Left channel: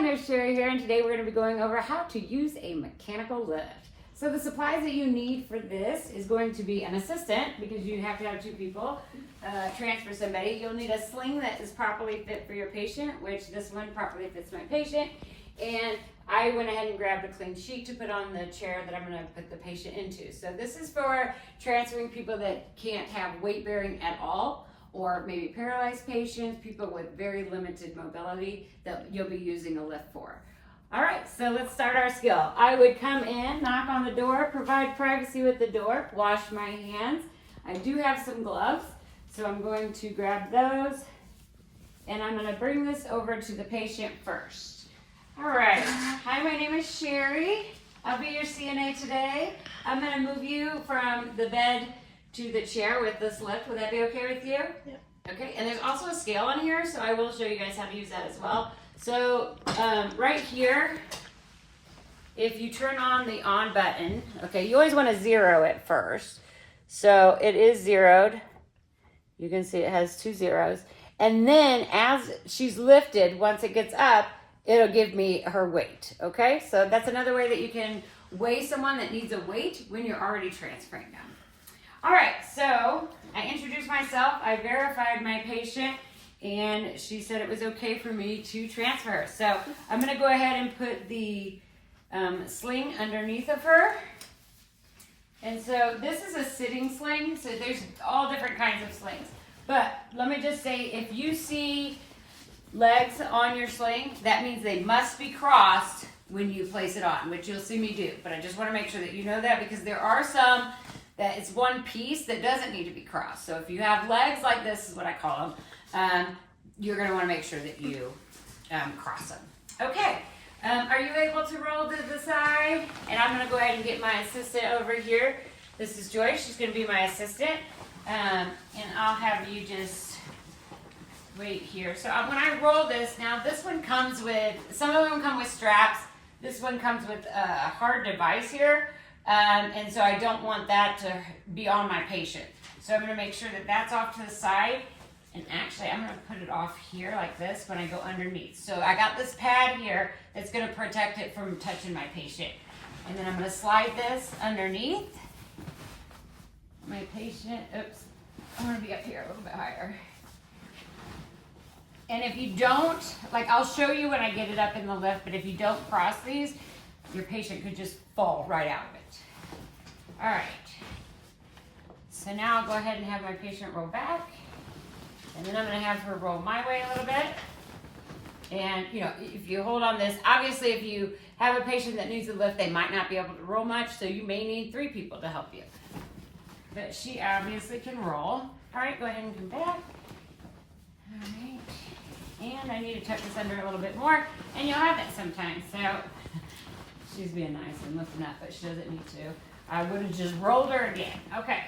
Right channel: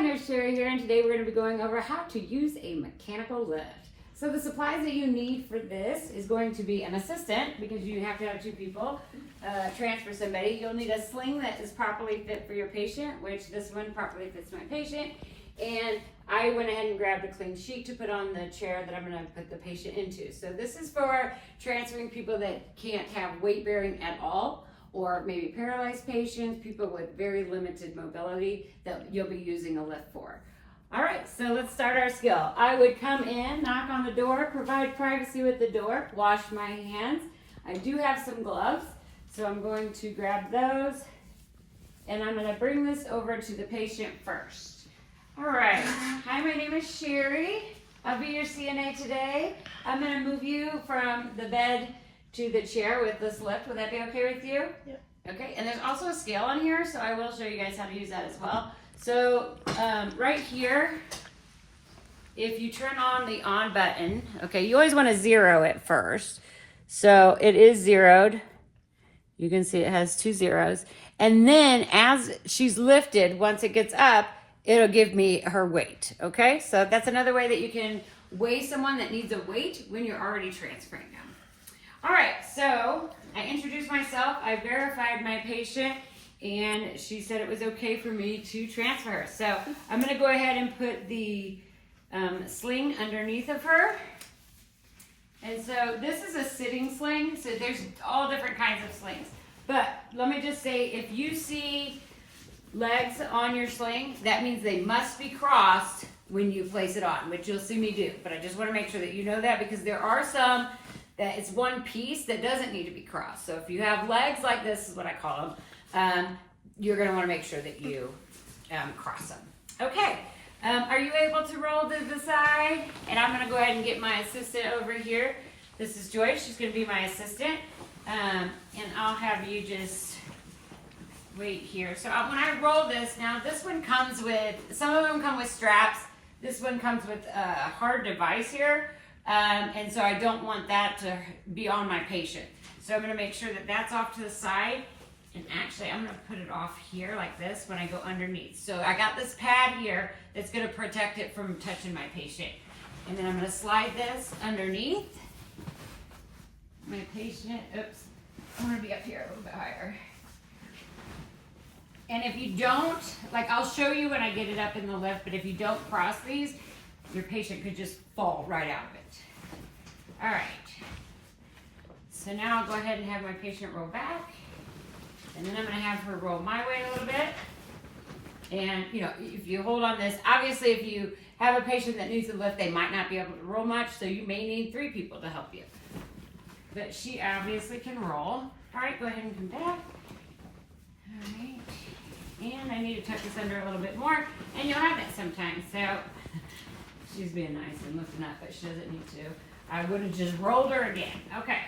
Nurse Sherry here, and today we're going to be going over how to use a mechanical lift. So the supplies that you need for this is going to be an assistant, because you have to have two people transfer somebody. You'll need a sling that is properly fit for your patient, which this one properly fits my patient. And I went ahead and grabbed a clean sheet to put on the chair that I'm going to put the patient into. So this is for transferring people that can't have weight bearing at all, or maybe paralyzed patients, people with very limited mobility that you'll be using a lift for. All right, so let's start our skill. I would come in, knock on the door, provide privacy with the door, wash my hands. I do have some gloves, so I'm going to grab those, and I'm gonna bring this over to the patient first. All right, hi, my name is Sherry. I'll be your CNA today. I'm gonna move you from the bed to the chair with this lift. Would that be okay with you? Yeah. Okay, and there's also a scale on here, so I will show you guys how to use that as well. So right here, if you turn on the on button, okay, you always want to zero it first. So it is zeroed. You can see it has 2 zeros. And then as she's lifted, once it gets up, it'll give me her weight, okay? So that's another way that you can weigh someone that needs a weight when you're already transferring them. All right, so I introduced myself, I verified my patient, and she said it was okay for me to transfer her. So I'm gonna go ahead and put the sling underneath of her. And so this is a sitting sling, so there's all different kinds of slings. But let me just say, if you see legs on your sling, that means they must be crossed when you place it on, which you'll see me do. But I just wanna make sure that you know that, because there are some that it's one piece that doesn't need to be crossed. So if you have legs like this, is what I call them, you're gonna wanna make sure that you cross them. Okay, are you able to roll to the side? And I'm gonna go ahead and get my assistant over here. This is Joyce, she's gonna be my assistant. And I'll have you just wait here. So when I roll this, now this one comes with, some of them come with straps. This one comes with a hard device here. And so I don't want that to be on my patient. So I'm gonna make sure that that's off to the side. And actually, I'm gonna put it off here like this when I go underneath. So I got this pad here that's gonna protect it from touching my patient. And then I'm gonna slide this underneath my patient. Oops, I'm gonna be up here a little bit higher. And if you don't, like I'll show you when I get it up in the lift, but if you don't cross these, your patient could just fall right out of it. All right. So now I'll go ahead and have my patient roll back. And then I'm gonna have her roll my way a little bit. And you know, if you hold on this, obviously if you have a patient that needs a lift, they might not be able to roll much, so you may need 3 people to help you. But she obviously can roll. All right, go ahead and come back. All right. And I need to tuck this under a little bit more. And you'll have that sometimes, so she's being nice and lifting up, but she doesn't need to. I would have just rolled her again. Okay.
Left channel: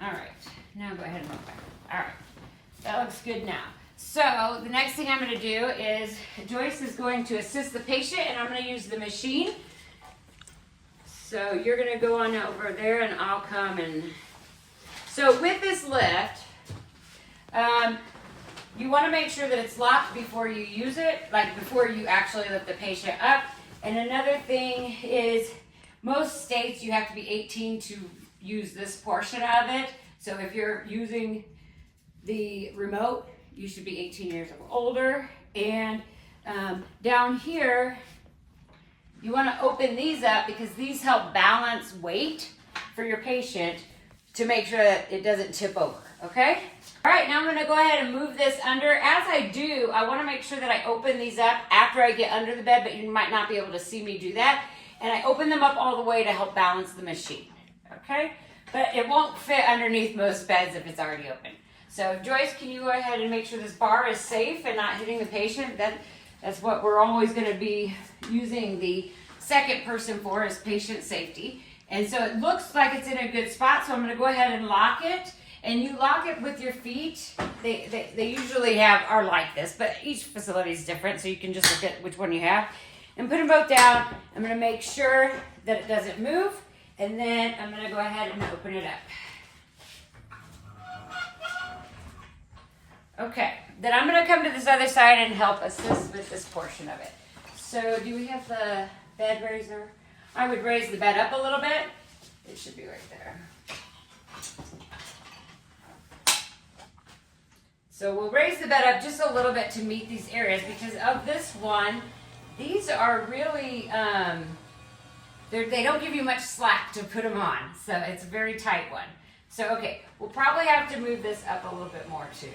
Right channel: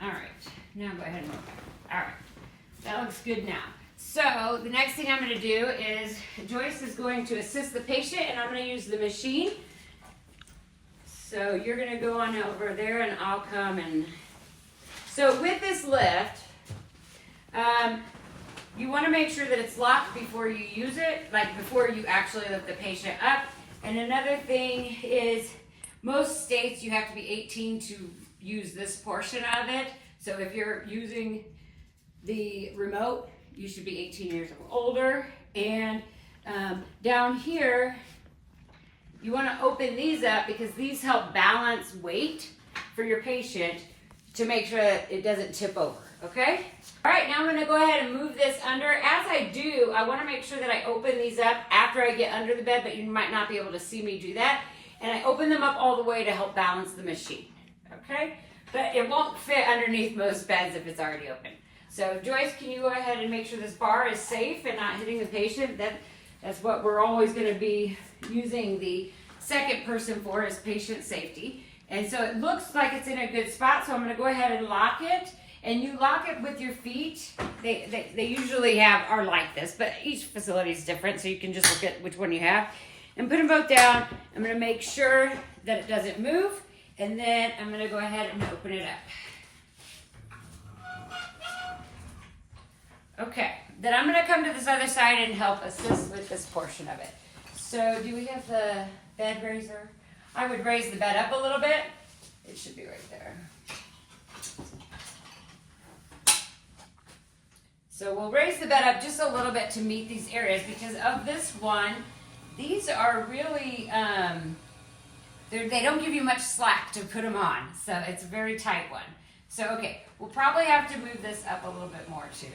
All right. Now go ahead and roll back. All right. That looks good now. So the next thing I'm going to do is Joyce is going to assist the patient, and I'm going to use the machine. So you're going to go on over there, and I'll come and... So with this lift, you want to make sure that it's locked before you use it, like before you actually lift the patient up. And another thing is, most states you have to be 18 to use this portion of it. So if you're using the remote, you should be 18 years or older. And down here, you want to open these up because these help balance weight for your patient to make sure that it doesn't tip over, okay? All right, now I'm gonna go ahead and move this under. As I do, I wanna make sure that I open these up after I get under the bed, but you might not be able to see me do that. And I open them up all the way to help balance the machine, okay? But it won't fit underneath most beds if it's already open. So Joyce, can you go ahead and make sure this bar is safe and not hitting the patient? That's what we're always gonna be using the second person for, is patient safety. And so it looks like it's in a good spot, so I'm gonna go ahead and lock it. And you lock it with your feet. They usually are like this, but each facility is different, so you can just look at which one you have. And put them both down. I'm gonna make sure that it doesn't move, and then I'm gonna go ahead and open it up. Okay, then I'm gonna come to this other side and help assist with this portion of it. So do we have the bed raiser? I would raise the bed up a little bit. It should be right there. So we'll raise the bed up just a little bit to meet these areas because of this one, these are really, they don't give you much slack to put them on. So it's a very tight one. So, okay, we'll probably have to move this up a little bit more too.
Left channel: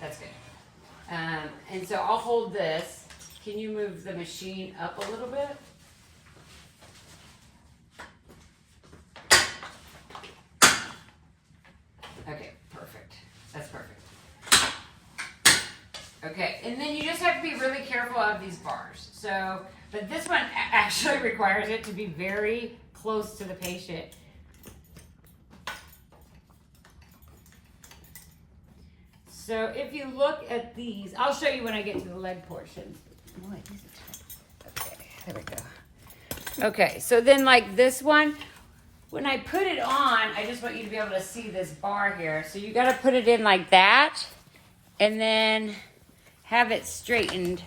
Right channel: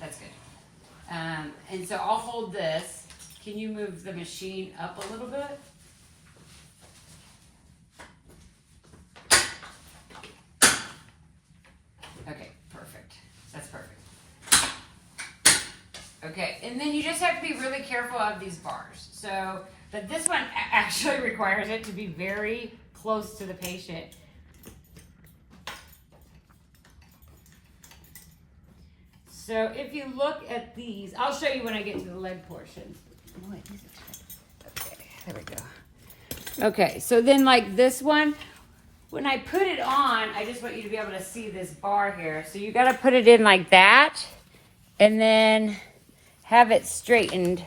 That's good. And so I'll hold this. Can you move the machine up a little bit? Okay, perfect. That's perfect. Okay, and then you just have to be really careful of these bars. So, but this one actually requires it to be very close to the patient. So if you look at these, I'll show you when I get to the leg portion. Okay, there we go. Okay, so then like this one, when I put it on, I just want you to be able to see this bar here. So you got to put it in like that and then have it straightened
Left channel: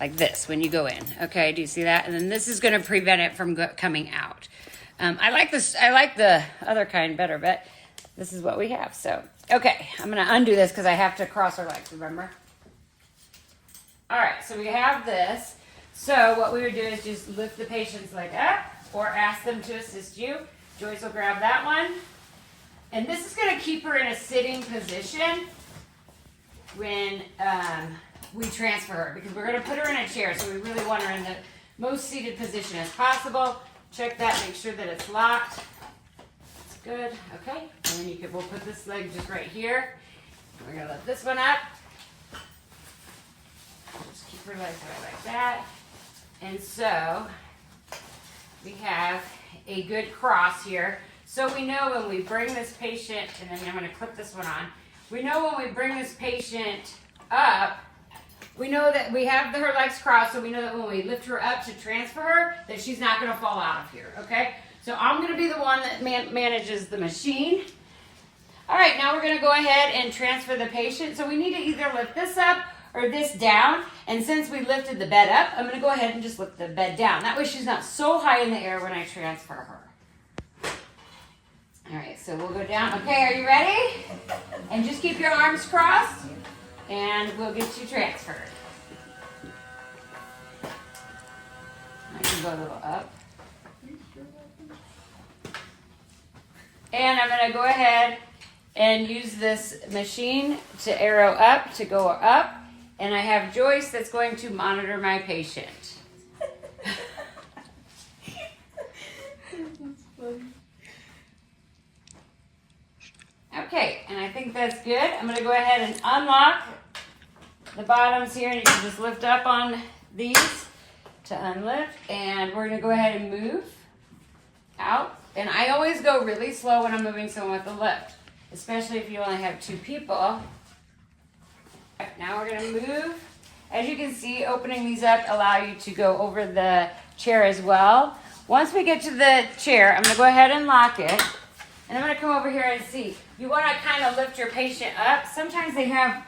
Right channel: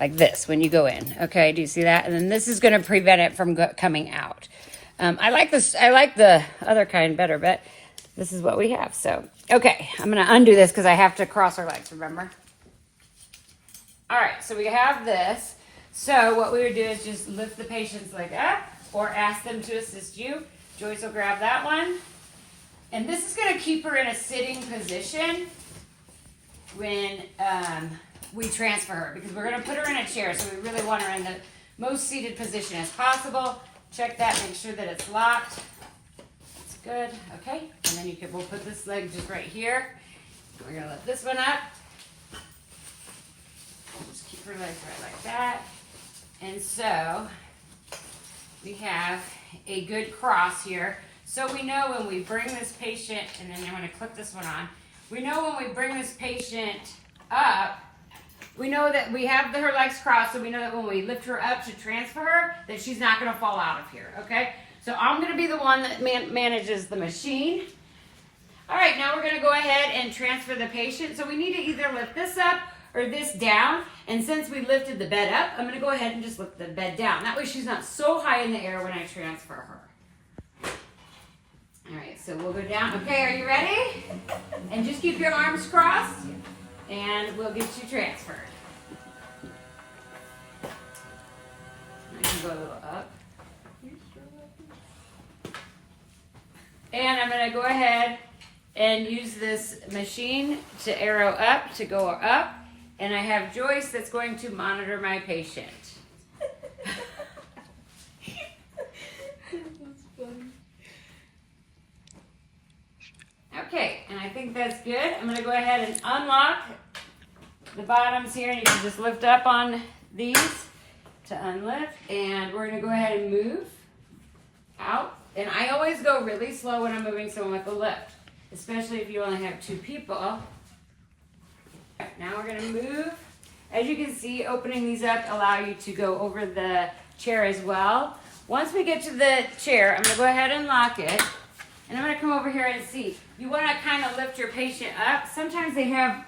like this when you go in. Okay, do you see that? And then this is going to prevent it from coming out. I like this. I like the other kind better, but this is what we have. So, okay, I'm going to undo this because I have to cross our legs, remember? All right, so we have this. So what we would do is just lift the patient's leg up or ask them to assist you. Joyce will grab that one. And this is going to keep her in a sitting position when we transfer her because we're going to put her in a chair. So we really want her in the most seated position as possible. Check that, make sure that it's locked. That's good, okay. And then we'll put this leg just right here. We're going to lift this one up. Just keep her legs right like that. And so we have a good cross here. So we know when we bring this patient, and then I'm going to clip this one on. We know when we bring this patient up, we know that we have her legs crossed, so we know that when we lift her up to transfer her, that she's not going to fall out of here, okay? So I'm going to be the one that manages the machine. All right, now we're going to go ahead and transfer the patient. So we need to either lift this up or this down. And since we lifted the bed up, I'm going to go ahead and just lift the bed down. That way she's not so high in the air when I transfer her. All right, so we'll go down. Okay, are you ready? And just keep your arms crossed, and we'll get you transferred. I can go a little up. And I'm going to go ahead and use this machine to arrow up, to go up. And I have Joyce that's going to monitor my patient. Okay, and I think that's good. I'm going to go ahead and unlock the bottoms here, and you can just lift up on these to unlift. And we're going to go ahead and move out. And I always go really slow when I'm moving someone with a lift, especially if you only have two people. Right, now we're going to move. As you can see, opening these up allow you to go over the chair as well. Once we get to the chair, I'm going to go ahead and lock it. And I'm going to come over here and see. You want to kind of lift your patient up. Sometimes they have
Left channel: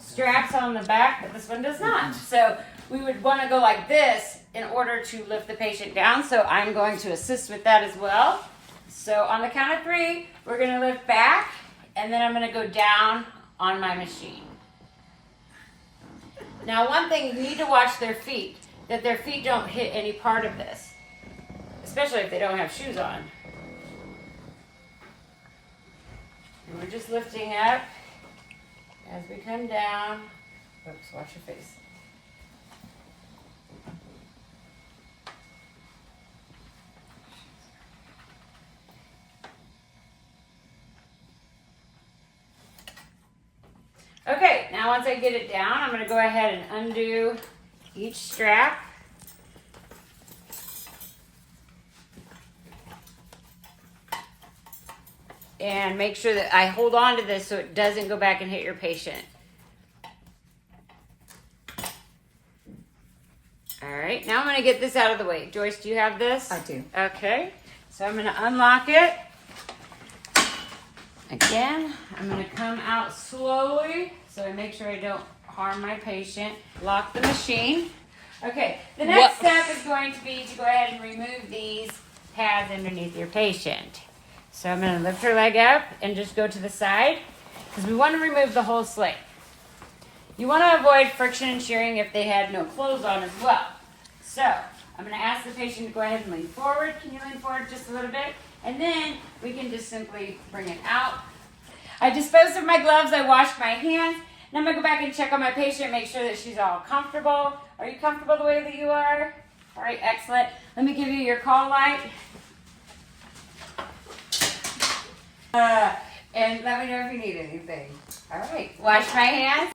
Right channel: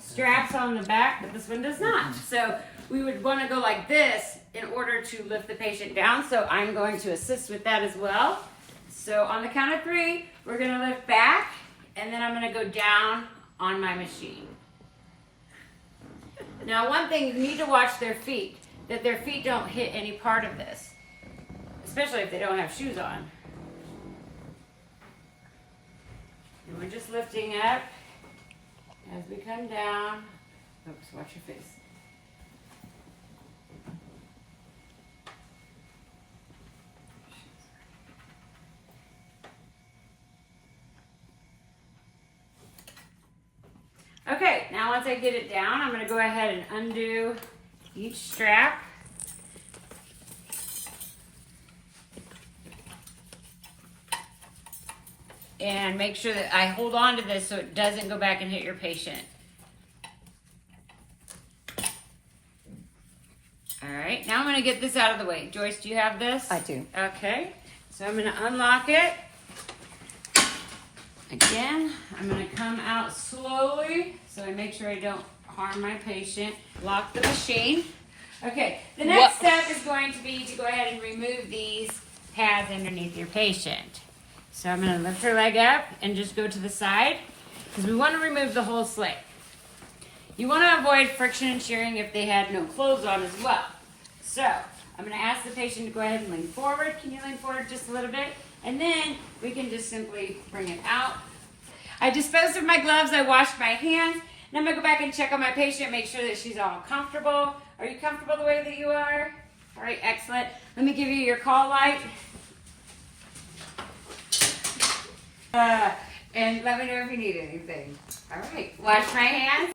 straps on the back, but this one does not. So we would want to go like this in order to lift the patient down. So I'm going to assist with that as well. So on the count of 3, we're going to lift back, and then I'm going to go down on my machine. Now, one thing, you need to watch their feet, that their feet don't hit any part of this, especially if they don't have shoes on. And we're just lifting up as we come down. Oops, watch your face. Okay, now once I get it down, I'm going to go ahead and undo each strap. And make sure that I hold on to this so it doesn't go back and hit your patient. All right, now I'm going to get this out of the way. Joyce, do you have this? I do. Okay, so I'm going to unlock it. Again, I'm gonna come out slowly so I make sure I don't harm my patient. Lock the machine. Okay, the next step is going to be to go ahead and remove these pads underneath your patient. So I'm gonna lift her leg up and just go to the side because we wanna remove the whole sling. You wanna avoid friction and shearing if they had no clothes on as well. So I'm gonna ask the patient to go ahead and lean forward. Can you lean forward just a little bit? And then we can just simply bring it out. I disposed of my gloves, I washed my hands. Now I'm gonna go back and check on my patient, make sure that she's all comfortable. Are you comfortable the way that you are? All right, excellent. Let me give you your call light. And let me know if you need anything. All right, wash my hands.